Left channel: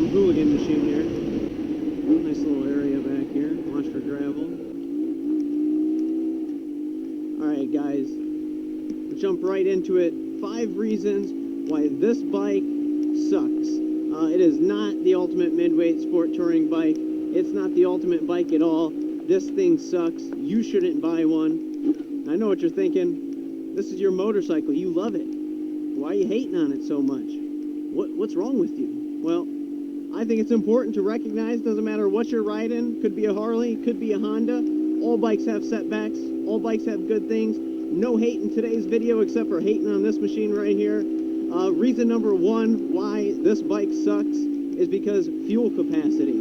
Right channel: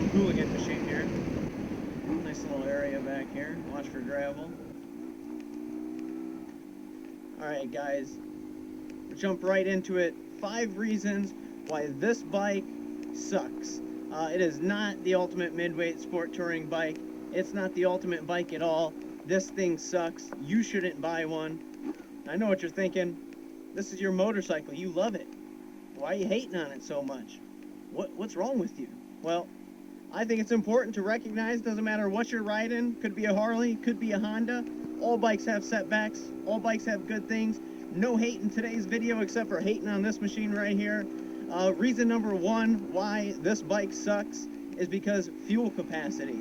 Jump hooligan machine here. Nice little area back here. Watch for gravel. Alright guys, we'll jump right into it. 5 reasons why this bike sucks. It is not the ultimate midweight sport touring bike. It's not the ultimate bike at all. This thing sucks. You shouldn't buy one. I know what you're thinking. This is your motorcycle. You love it. Why are you hating on it so much? What's wrong with you? Well, I think it's important to recognize, doesn't matter what you're riding, could be a Harley, could be a Honda, all bikes have setbacks, all bikes have good things. No hate in today's video except for hating on this machine right here. Reason number 1 why this bike sucks is because fuel capacity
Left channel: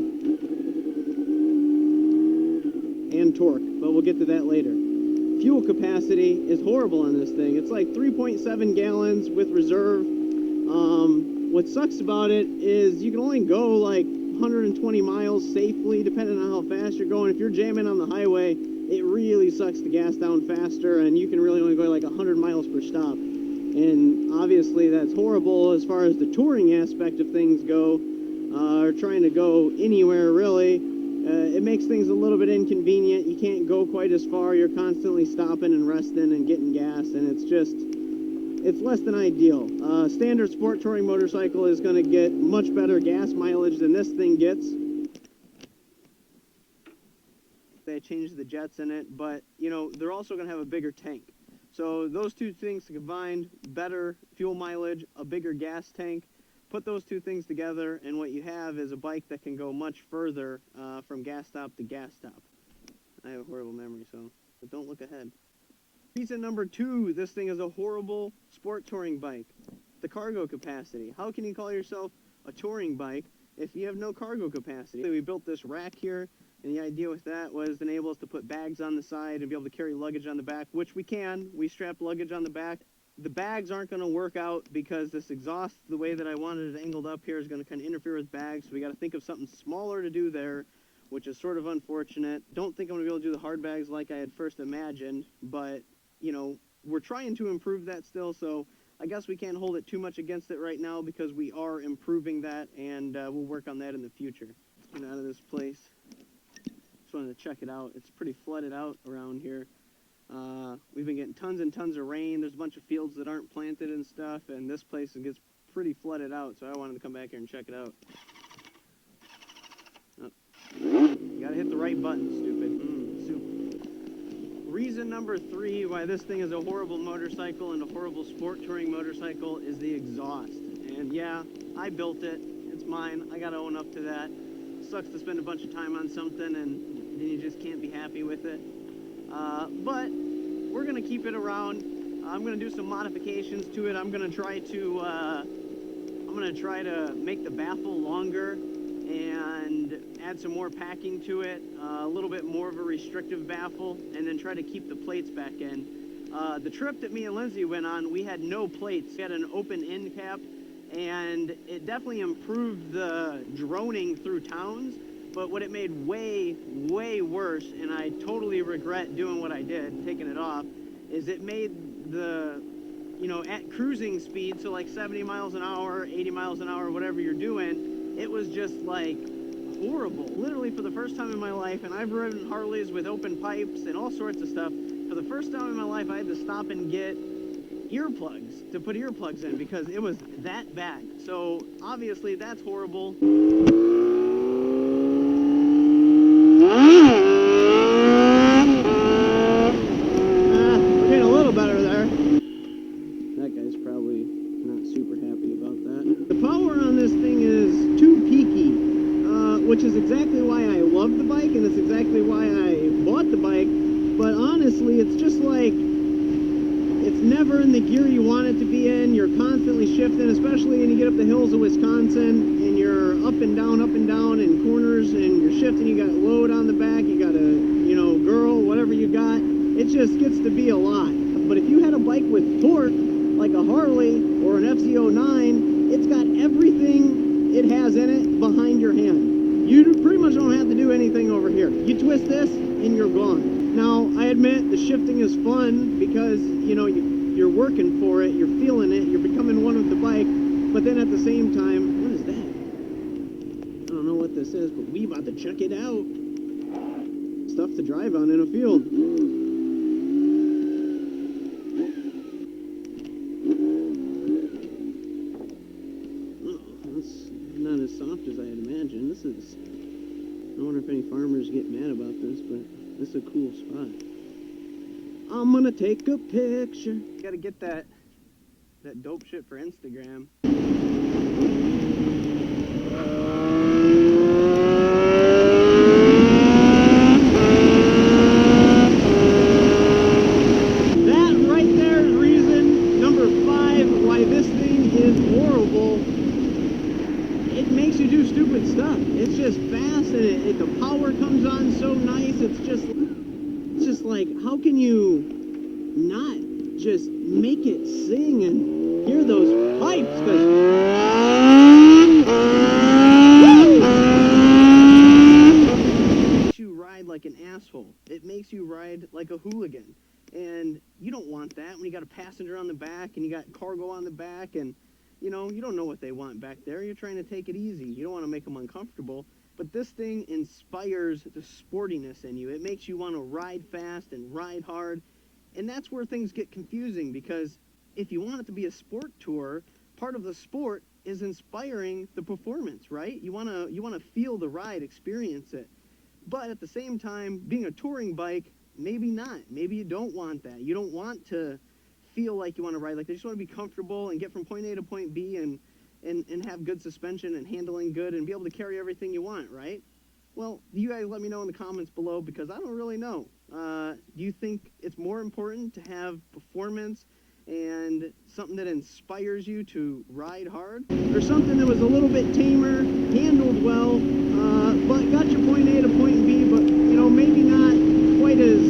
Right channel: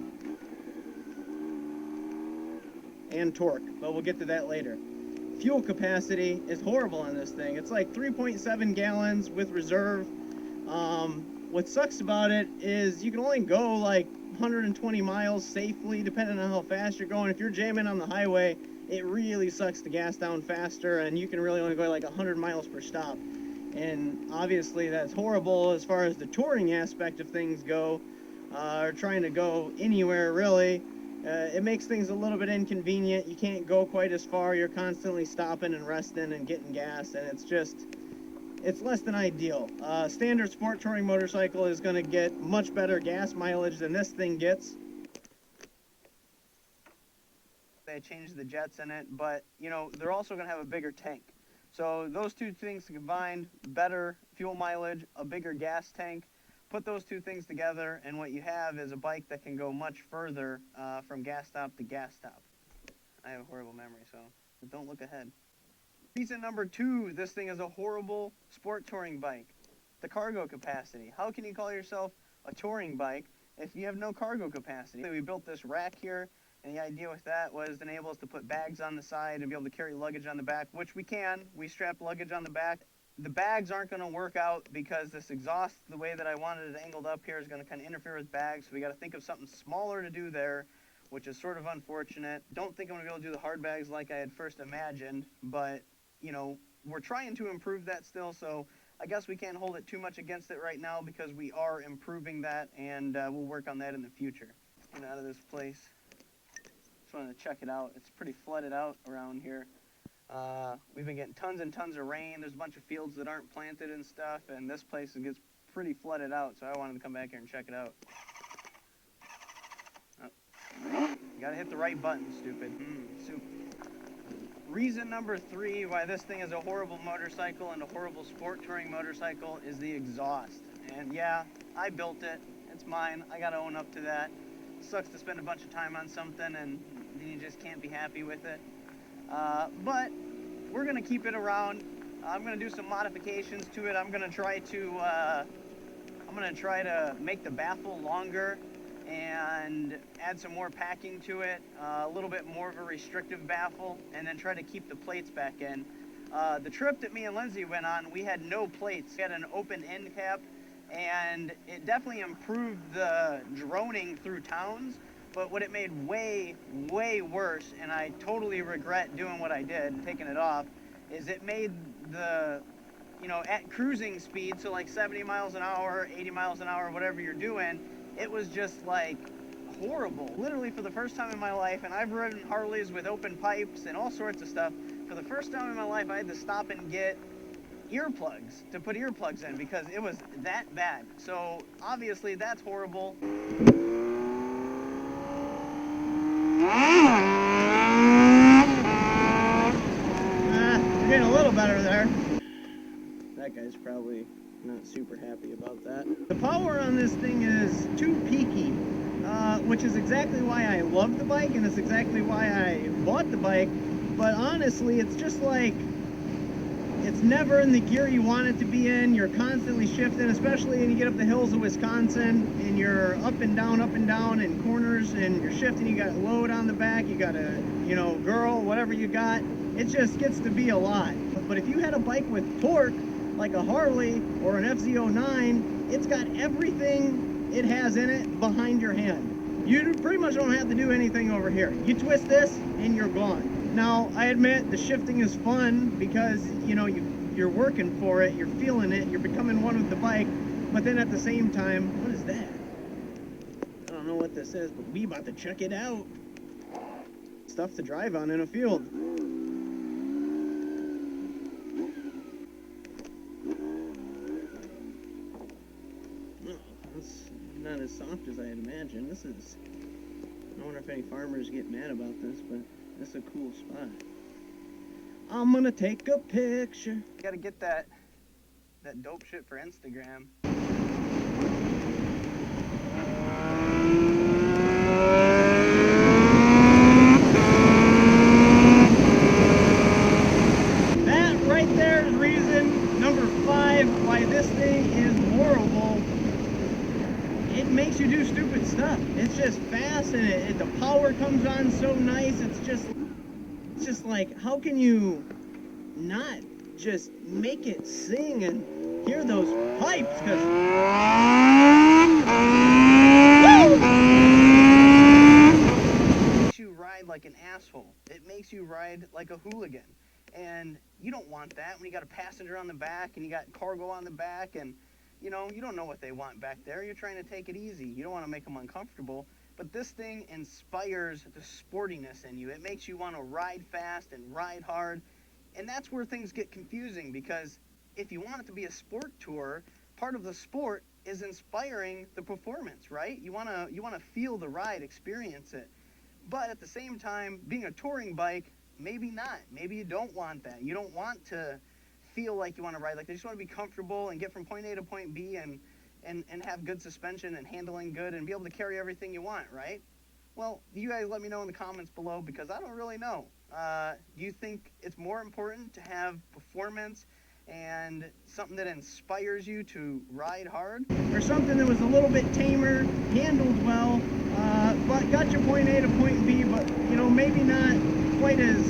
and torque, but we'll get to that later. Fuel capacity is horrible on this thing. It's like 3.7 gallons with reserve. What sucks about it is you can only go like 120 miles safely depending on how fast you're going. If you're jamming on the highway, it really sucks the gas down faster, and you can really only go like 100 miles per stop. And obviously that's horrible as far as the touring aspect of things go, or trying to go anywhere really. It makes things a little bit inconvenient. You can't go quite as far. You're constantly stopping and resting and getting gas, and it's less than ideal. Standard sport touring motorcycle is going to get much better gas mileage than this thing gets. They changed the jets in it, but you know, they're also going to have a bigger tank. So those two things combined, better fuel mileage, a bigger gas tank, put those two things together, and what you have is a bike that can go much further from gas stop to gas stop. I have a horrible memory, so but don't look ahead. Reason number 2, this thing is a horrible sport touring bike. The cargo capacity. How can you call yourself a touring bike if you have no cargo capacity? We built this rack here, and the idea with that was to enable us to put bags on the side and be able to carry luggage on the back, which we can. We strap luggage on the back. The bags aren't going to work out because this exhaust, the way that I wanted it angled up here, is going to kind of interfere with bags, so we got to think of something smaller to do there, which is sort of unfortunate. Don't think I'm going to be able to do the hard bags like I had first imagined, but you know, we're trying to improve that still, so I guess we can't hold it too much against it right now because we are improving that, and we'll work on that in the future. Get out of this place. Just wanted to check it out. It's pretty flooded out around here. We've been getting tons and tons of rain. There's a bunch of fields that aren't planted and stuff, and this place gets pretty flooded out, so I wanted to come back here and check it out. Oh. You gotta hit the right button, stupid. Soup. Reason number 3 why this thing is a horrible motorcycle and a horrible sport touring motorcycle is the exhaust. And yeah, I built it. It's mine. I gotta own up to that. Sucks to spend a bunch of time on something and then you just can't be happy with it. But we're gonna keep it around. I'm gonna do some modifications to it. I'm gonna try to make the baffle longer and add some more packing to it, a little bit more of a restrictive baffle, and then try to keep the plates back in. The trip that me and Lindsay went on, we had no plates. We had an open end cap, and it definitely improved the droning through towns, but what it made way, way worse, and I totally regret doing what I did, taking it off, is it made the, you know, at cruising speed, so like 70 miles an hour, 80 miles an hour, whatever you're doing, it was just like horrible. Literally for the first time in my life, and I've ridden Harleys with open pipes and all sorts of stuff, for the first time in my life I had to stop and get earplugs to put earplugs in because it was that bad. So obviously that's horrible. We're getting a little better there. That guy's probably not super happy about that. The power on this thing is too peaky, which is exactly why I love the bike, and it's exactly why I bought the bike. But honestly, it's just like, it's never in the gear you want it to be in. You're constantly shifting, especially when you get up the hills of Wisconsin, and you're up and down in corners, and you're shifting. You got load on the back, you got a, you know, girl, whatever you got. It just gets to be a lot. But if you had a bike with torque, like a Harley or an FZ09, it's got everything it has in it behind your hand. You pretty much don't have to do anything over here. You twist this and you're gone. Now, I admit the shifting is fun because, you know, you're working for it, you're feeling it, you're becoming one with the bike, but then at the same time, what is that? what this is, but we about to check it out. Stuff to drive on in a field. Oh, that's not as soft as I had imagined. This is... I wonder if any farmers get mad about this, but this is a cool spot. I'm gonna take a picture. Gotta get that dope shit for Instagram. That right there is reason number 5 why this thing is horrible. It makes you do stupid stuff. It's just fast, and the power comes on so nice. It's just like, how can you not just make it sing and hear those pipes? Because it makes you ride like an asshole. It makes you ride like a hooligan, and you don't want that when you got a passenger on the back and you got cargo on the back, and you know, you don't know what they want back there. You're trying to take it easy. You don't want to make them uncomfortable. But this thing inspires the sportiness in you. It makes you want to ride fast and ride hard. And that's where things get confusing, because if you want it to be a sport tour, part of the sport is inspiring the performance, right? You want to feel the ride, experience it. But at the same time, being a touring bike, maybe not. Maybe you don't want that. You don't want to feel like you want to ride like this. You just want to be comfortable and get from point A to point B and have good suspension and handling good and be able to carry everything you want, right? Well, you guys let me know in the comments below, because I don't really know. Do you think it's more important to have performance and something that inspires you to ride hard, or something that was a little bit tamer, handled well, but got you point A to point B, but you know, maybe not quite as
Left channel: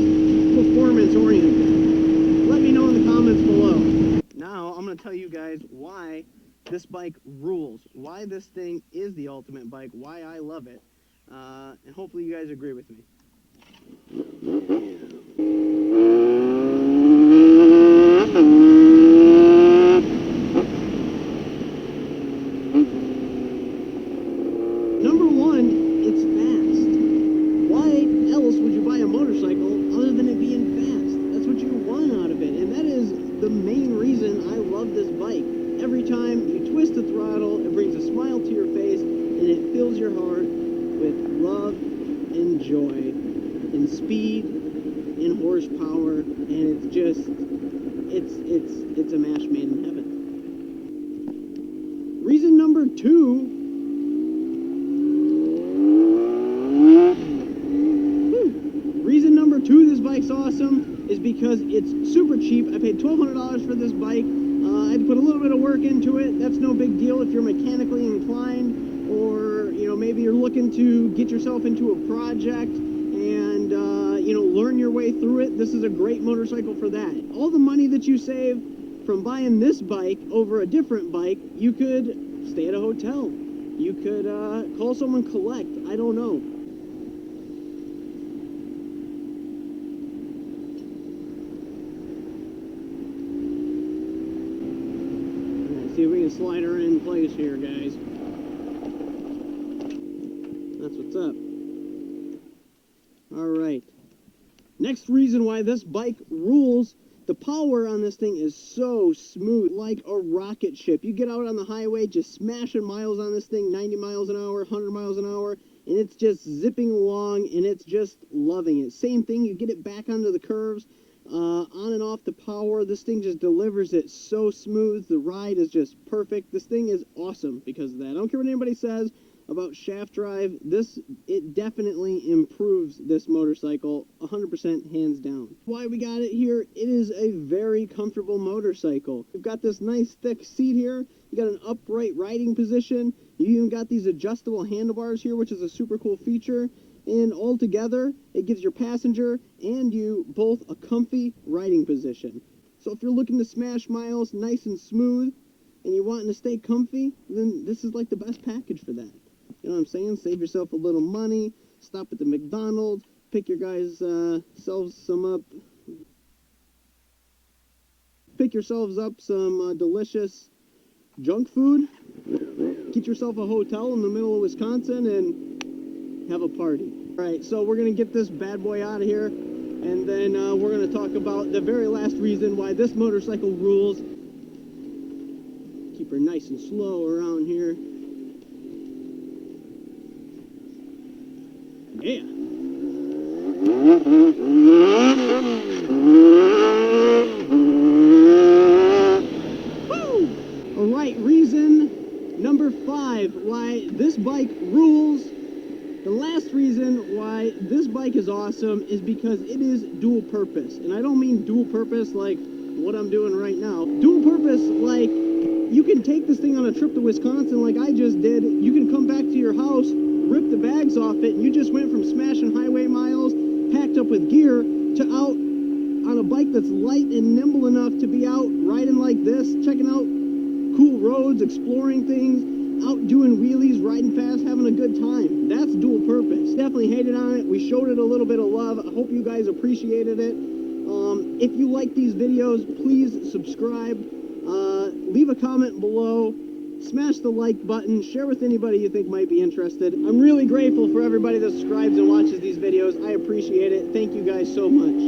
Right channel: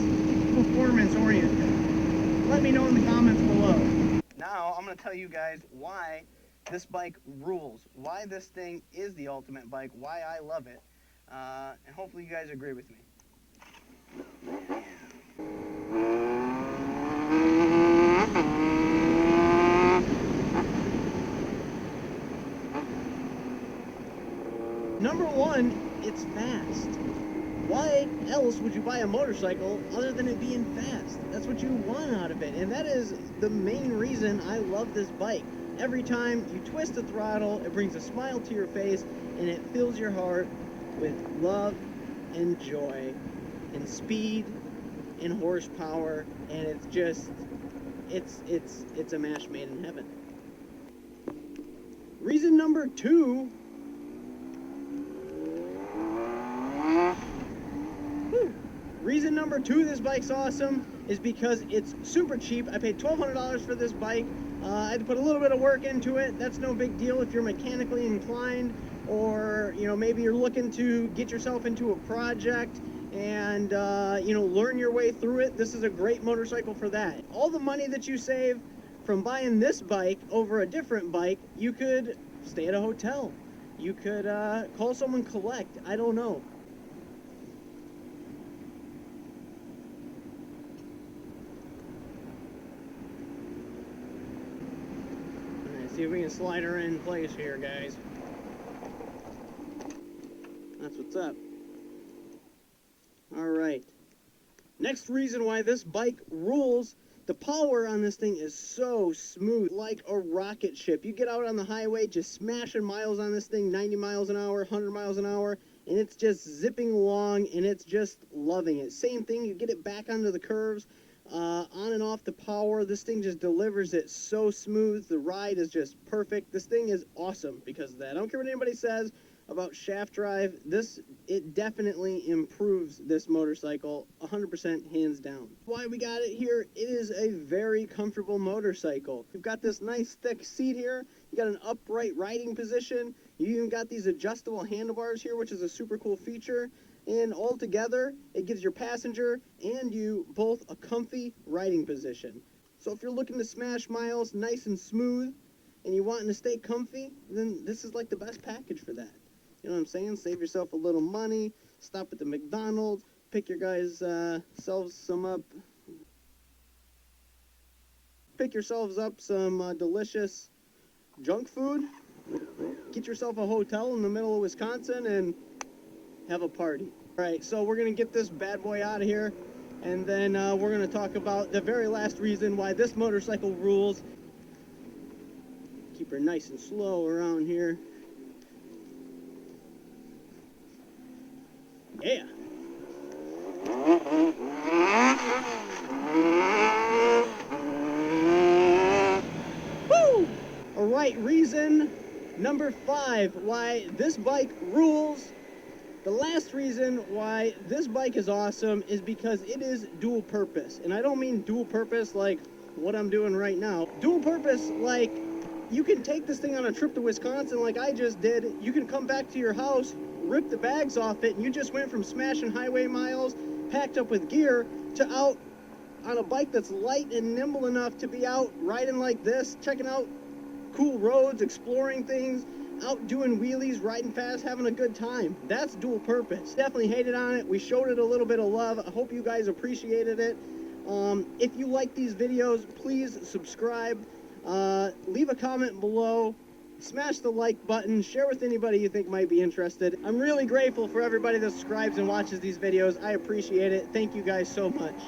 performance oriented? Let me know in the comments below. Now I'm going to tell you guys why this bike rules, why this thing is the ultimate bike, why I love it, and hopefully you guys agree with me. Number 1, it's fast. Why else would you buy a motorcycle other than it being fast? That's what you want out of it, and that is the main reason I love this bike. Every time you twist the throttle, it brings a smile to your face, and it fills your heart with love and joy and speed and horsepower, and it's just, it's a match made in heaven. Reason number 2, this bike's awesome is because it's super cheap. I paid $1,200 for this bike. I had to put a little bit of work into it. That's no big deal if you're mechanically inclined, or you know, maybe you're looking to get yourself into a project and you know, learn your way through it. This is a great motorcycle for that. All the money that you save from buying this bike over a different bike, you could stay at a hotel. You could call someone collect. I don't know. See if we can slide her in place here, guys. That's what's up. Alright. Next reason why this bike rules, the power on this thing is so smooth, like a rocket ship. You get out on the highway just smashing miles on this thing, 90 miles an hour, 100 miles an hour, and it's just zipping along, and it's just loving it. Same thing, you get it back onto the curves. On and off the power, this thing just delivers it so smooth. The ride is just perfect. This thing is awesome because of that. I don't care what anybody says about shaft drive. It definitely improves this motorcycle 100%, hands down. Why we got it here, it is a very comfortable motorcycle. You've got this nice thick seat here. You got an upright riding position. You even got these adjustable handlebars here, which is a super cool feature. And altogether, it gives your passenger and you both a comfy riding position. So if you're looking to smash miles nice and smooth, and you're wanting to stay comfy, then this is like the best package for that. You know what I'm saying? Save yourself a little money, stop at the McDonald's, pick your guys selves some up. Pick yourselves up some delicious junk food. Get yourself a hotel in the middle of Wisconsin and have a party. All right, so we're gonna get this bad boy out of here, and then we're gonna talk about the very last reason why this motorcycle rules. Keep her nice and slow around here. Yeah. Woo! All right, reason number 5 why this bike rules. The last reason why this bike is awesome is because it is dual purpose. And I don't mean dual purpose like what I'm doing right now. Dual purpose like you can take this thing on a trip to Wisconsin like I just did. You can come back to your house, rip the bags off it, and you just went from smashing highway miles, packed up with gear, to out on a bike that's light and nimble enough to be out riding like this, checking out cool roads, exploring things, out doing wheelies, riding fast, having a good time. That's dual purpose. Definitely hated on it. We showed it a little bit of love. I hope you guys appreciated it. If you like these videos, please subscribe. Leave a comment below. Smash the like button. Share with anybody you think might be interested. I'm really grateful for everybody that subscribes and watches these videos. I appreciate it. Thank you guys so much.